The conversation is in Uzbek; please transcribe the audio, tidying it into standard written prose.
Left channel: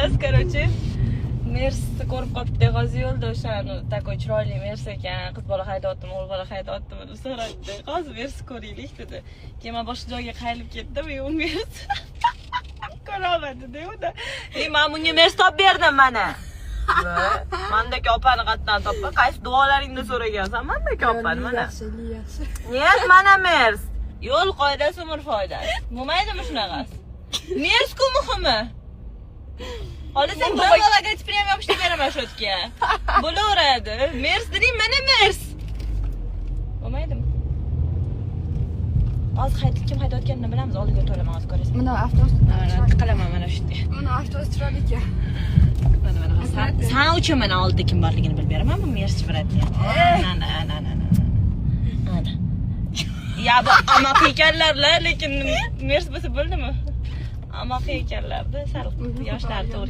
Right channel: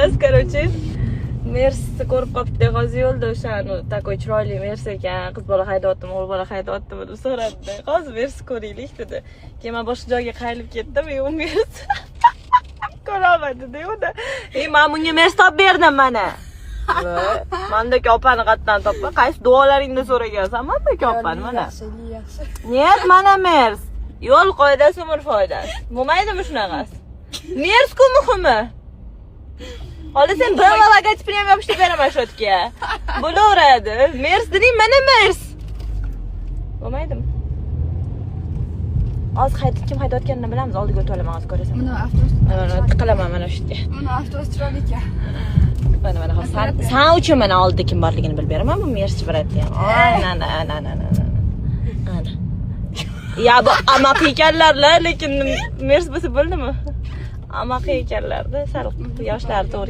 emas, короче. Mersi ko'rib qopti, hozir yo'lda o'shani takoy chiroyli Mersi ekan, qiz bola haydayaptimi, o'g'il bola haydayaptimi deb so'radi. Hozir Mersi ko'raylik dedi. Keyin men boshqa joyga qayrilib ketdim, u Mersi ko'rolmadi-da, unda. Men bunga Mersi topib berdim mana. Mandek opani qatdan topdi. Qaysi duolaringni so'ragansan? Mandek opani mana. Yaxshi. Niyat mana Mersi. Yo'l qoidasi umr foydasi. Bo'lmaydimi shunaqasi? Mersi-ku muhimi. Hozir sen bir logotip ham yopishtirib beraman shu yerga. Bo'laveradi. Mersi dening, mana Mersi. Bo'lmaydimi? Hozir kim haydayotganini bilamiz, oldiga o'tib olaman, hozir ko'rasan. Mana avtobus. Qilaman mana shu yerda. Mana avtobus chiroyli ekan. Mana sen uchun mana oldida kim borligini bilib beraman, bu Mersi bo'layapti. Ana. Ya bu amaq ekanlar-la, lekin Mersi bo'lsa bo'ldimi? Amaq ekanlar-da, sal yoshlar to'g'ri.